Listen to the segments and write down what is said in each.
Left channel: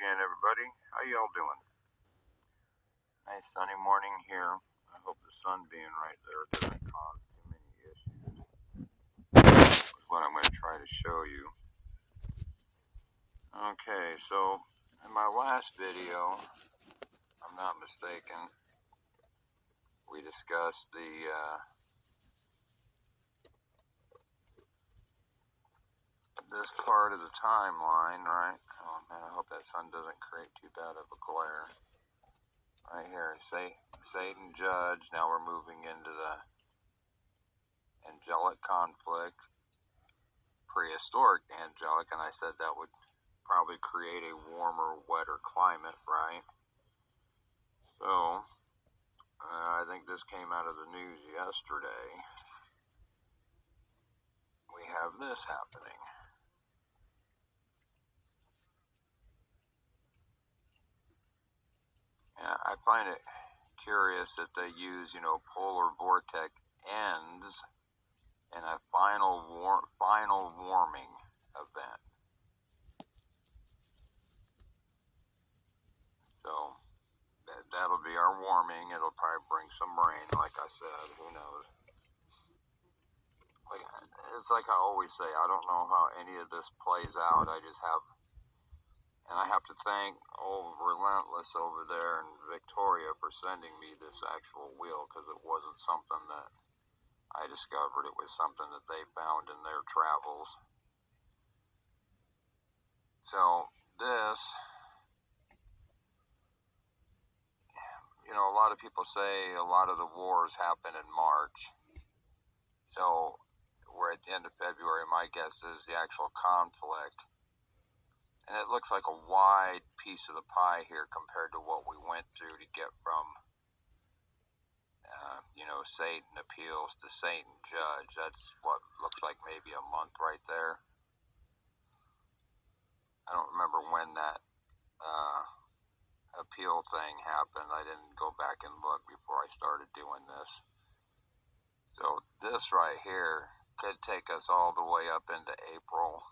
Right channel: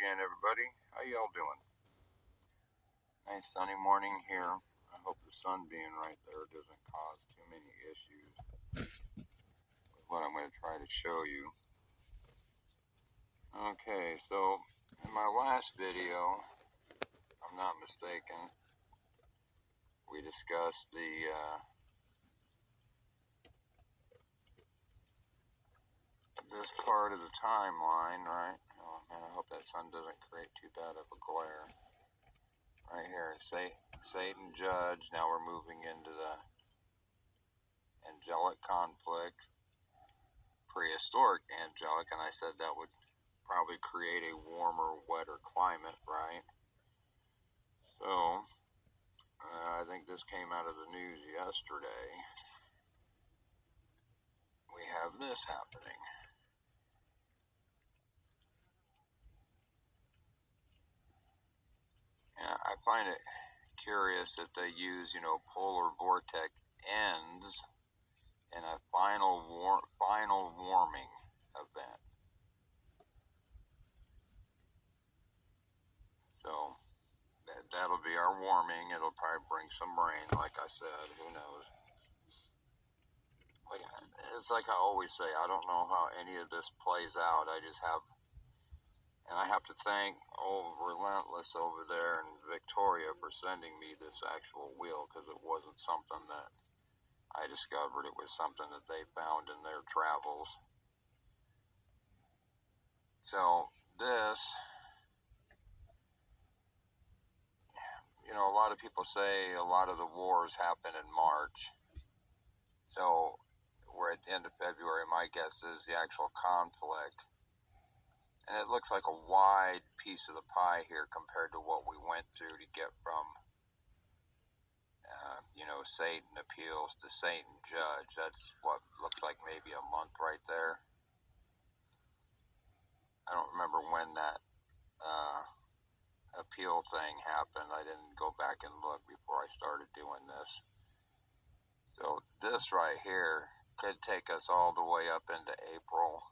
again, everybody. How y'all doing? Nice sunny morning here. I hope the sun being right there doesn't cause too many issues with what I'm going to try to show you. Okay, so in my last video, if I'm not mistaken, we discussed this part of the timeline, right? Oh man, I hope that sun doesn't create too bad of a glare. Right here, Satan judge. Now we're moving into the angelic conflict, prehistoric angelic, and I said that would probably create a warmer, wetter climate, right? So, I think this came out of the news yesterday. We have this happening. Yeah, I find it curious that they use, polar vortex ends in a final warming event. So that'll be our warming. It'll probably bring some rain, like I said. Who knows? It's like I always say. I don't know how any of this plays out. I have to thank Relentless over there in Victoria for sending me this actual wheel, because it wasn't something that I discovered. It was something that they found in their travels. So this, a lot of people say a lot of the wars happen in March. So we're at the end of February. My guess is the actual conflict. And it looks like a wide piece of the pie here compared to what we went through to get from Satan appeals to Satan judge. That's what looks like maybe a month right there. I don't remember when that appeal thing happened. I didn't go back and look before I started doing this. So this right here could take us all the way up into April.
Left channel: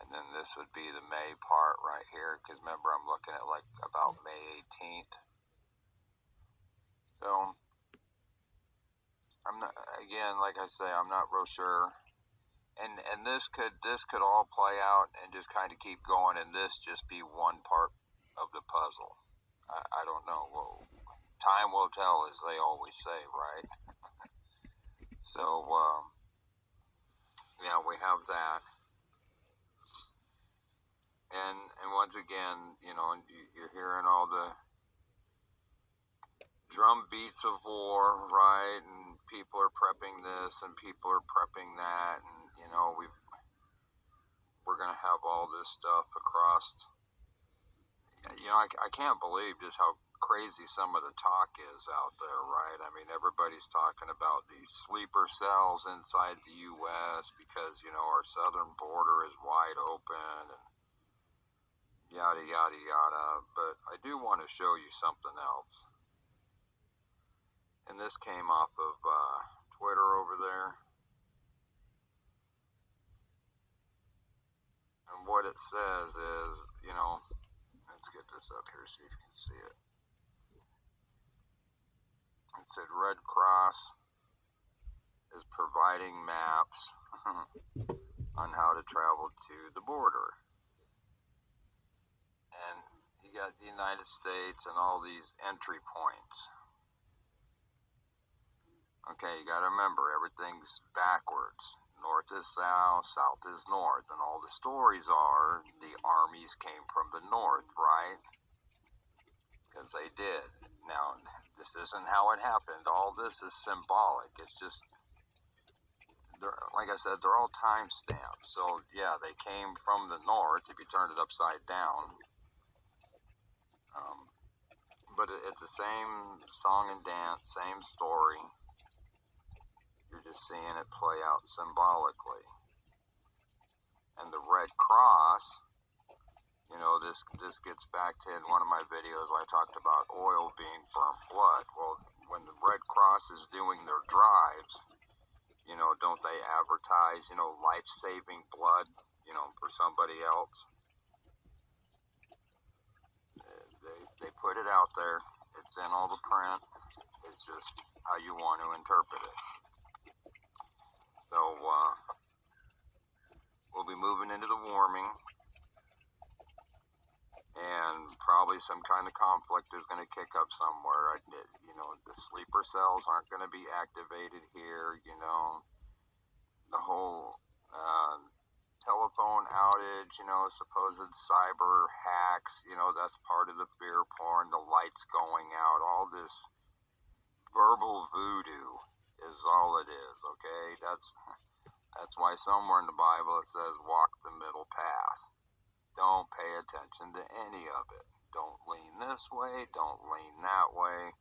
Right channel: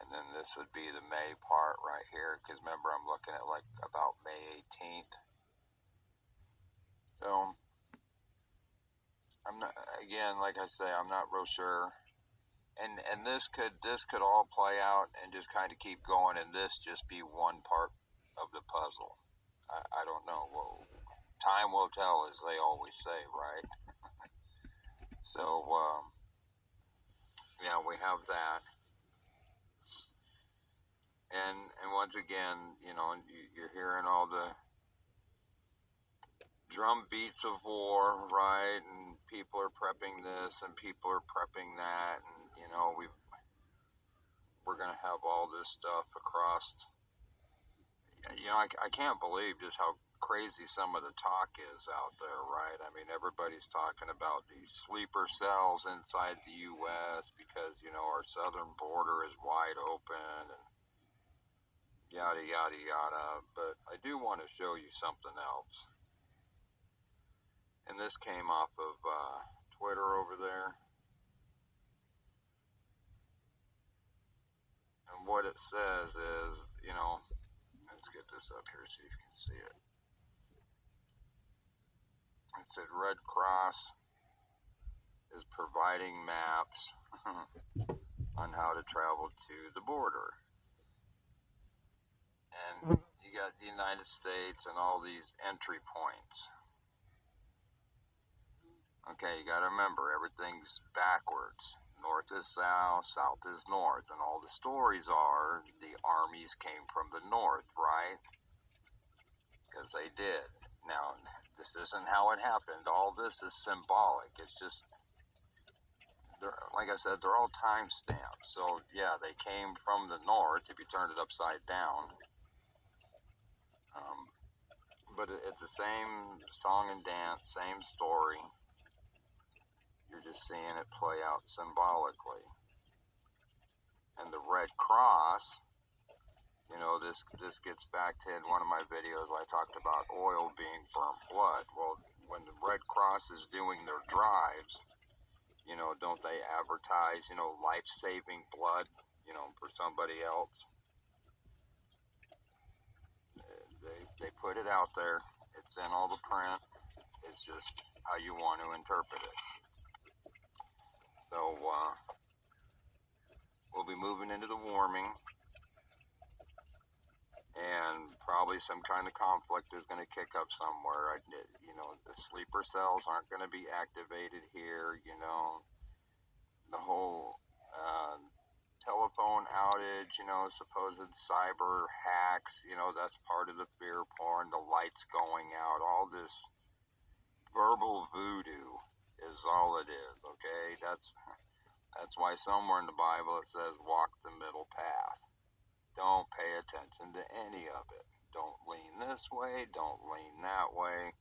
And then this would be the May part right here, because remember I'm looking at like about May 18th. So I'm not, again, like I say, I'm not real sure. And this could all play out and just kind of keep going, and this just be one part of the puzzle. I don't know. Well, time will tell, as they always say, right? So yeah, we have that. And once again, you're hearing all the drum beats of war, right? And people are prepping this, and people are prepping that, and we're gonna have all this stuff across. I can't believe just how crazy some of the talk is out there, right? I mean, everybody's talking about these sleeper cells inside the U.S. because our southern border is wide open, and yada yada yada. But I do want to show you something else. And this came off of Twitter over there. And what it says is, let's get this up here, see if you can see it. It said Red Cross is providing maps on how to travel to the border. And you got the United States and all these entry points. Okay, you gotta remember, everything's backwards. North is south, south is north, and all the stories are the armies came from the north, right? Because they did. Now, this isn't how it happened. All this is symbolic. It's just, like I said, they're all time stamps. So, yeah, they came from the north if you turned it upside down. But it's the same song and dance, same story. You're just seeing it play out symbolically. And the Red Cross, this gets back to in one of my videos I talked about oil being burnt blood. Well, when the Red Cross is doing their drives, don't they advertise, life-saving blood, for somebody else? put it out there. It's in all the print. It's just how you want to interpret it. So we'll be moving into the warming, and probably some kind of conflict is going to kick up somewhere. You know, the sleeper cells aren't going to be activated here. You know, the whole telephone outage, you know, supposed cyber hacks, you know, that's part of the fear porn, the lights going out, all this verbal voodoo is all it is, okay? That's why somewhere in the Bible it says walk the middle path. Don't pay attention to any of it. Don't lean this way, don't lean that way.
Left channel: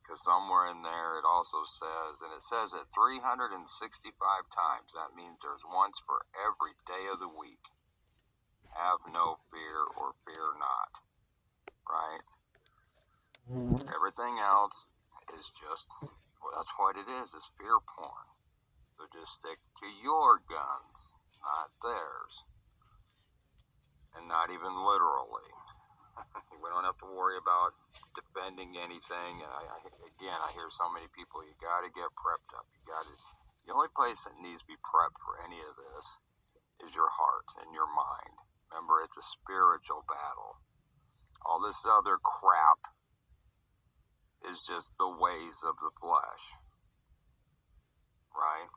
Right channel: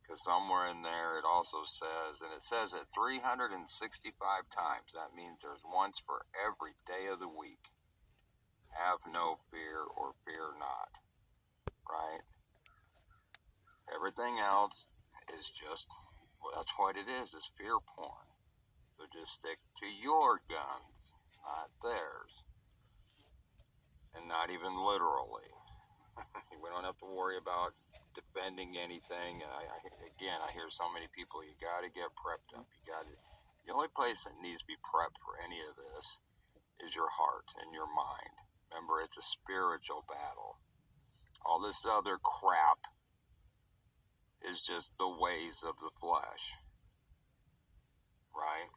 Because somewhere in there it also says, and it says it 365 times. That means there's once for every day of the week. Have no fear or fear not. Right? Everything else is just, well, that's what it is fear porn. So just stick to your guns, not theirs. And not even literally. We don't have to worry about defending anything. And I hear so many people, you got to get prepped up. The only place that needs to be prepped for any of this is your heart and your mind. Remember, it's a spiritual battle. All this other crap is just the ways of the flesh, right?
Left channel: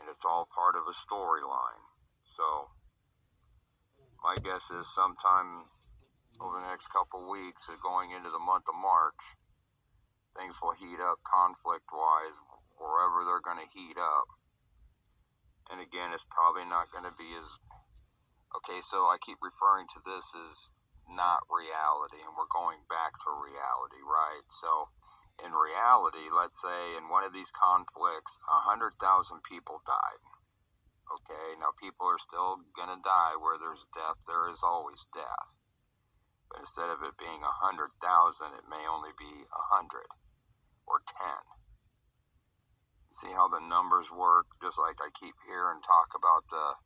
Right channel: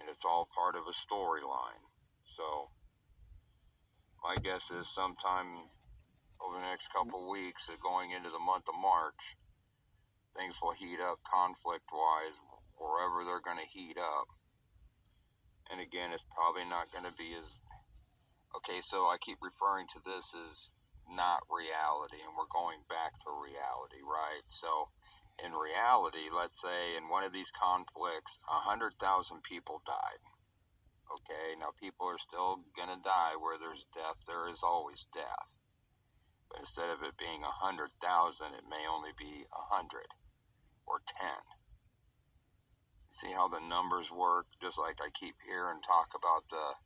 And it's all part of a storyline. So my guess is sometime over the next couple weeks, going into the month of March, things will heat up conflict-wise wherever they're going to heat up. And again, it's probably not going to be as... Okay, so I keep referring to this as not reality, and we're going back to reality, right? So in reality, let's say in one of these conflicts, 100,000 people died. Okay, now people are still going to die. Where there's death, there is always death. But instead of it being 100,000, it may only be 100 or 10. You see how the numbers work? Just like I keep hearing talk about the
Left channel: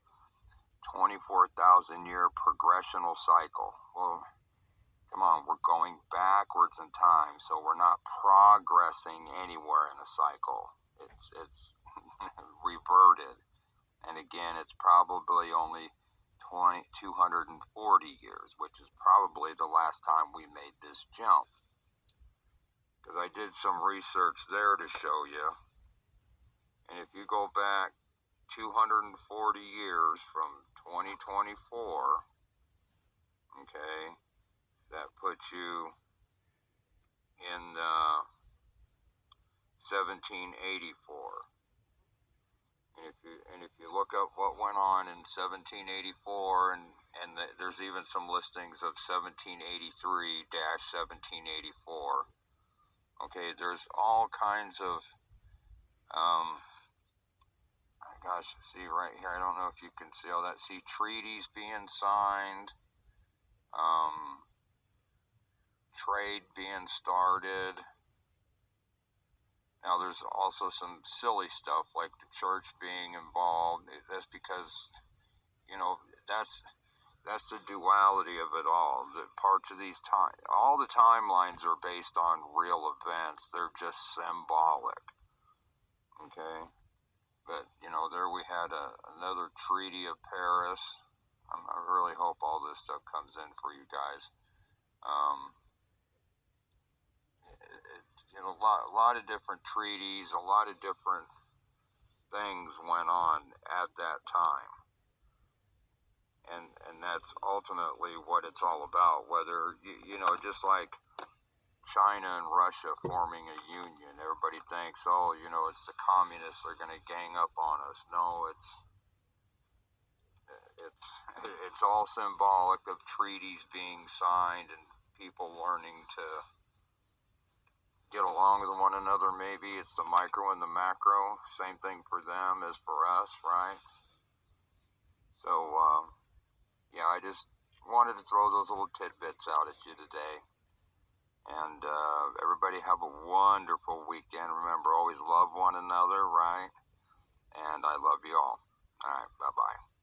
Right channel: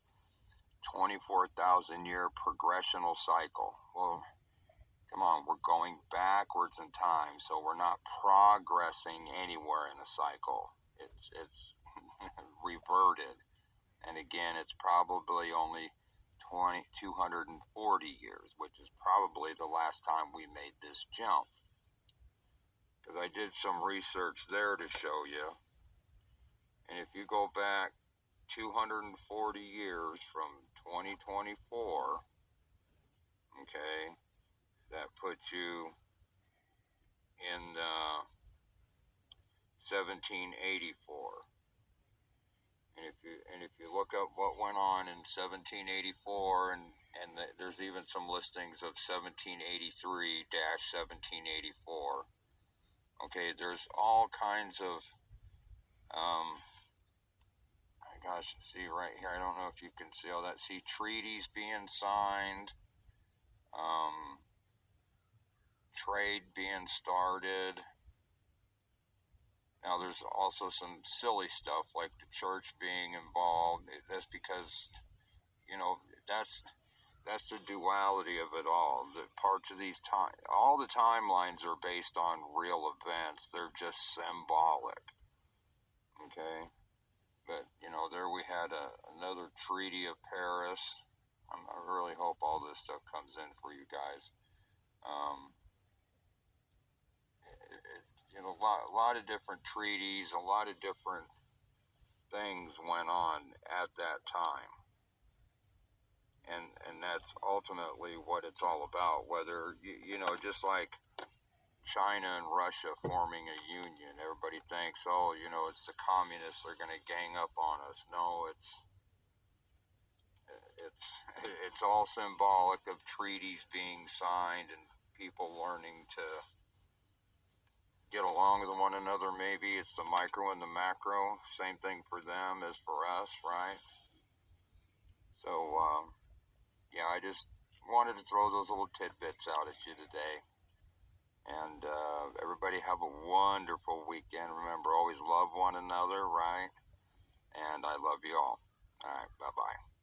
24,000 year progressional cycle. Well, come on, we're going backwards in time, so we're not progressing anywhere in a cycle. It's reverted. And again, it's probably only 240 years, which is probably the last time we made this jump. Because I did some research there to show you. And if you go back 240 years from 2024, okay, that puts you in 1784. And if you look up what went on in 1784, and there's even some listings of 1783-1784. Okay, there's all kinds of see right here, I don't know if you can see all that. See treaties being signed, trade being started. Now there's also some silly stuff like the church being involved. That's because, you know, that's the duality of it all. The parts of these all the timelines are based on real events. They're just symbolic. Okay? But, you know, there we had another Treaty of Paris. I really hope all this stuff comes in for you guys. You know, a lot of different treaties, a lot of different things went on at that time. And that's ultimately what it's all about. Whether, you know, just like China and Russia forming a union, everybody thinks, oh, you know, it's the communists that are going to gang up on us. No, it's all symbolic of treaties being signed and people learning to get along with one another. Maybe it's the micro and the macro. Same thing for them as for us, right? So, yeah, I just wanted to throw those little tidbits out at you today. And everybody have a wonderful weekend. Remember, always love one another, right? And I love you all. All right, bye-bye.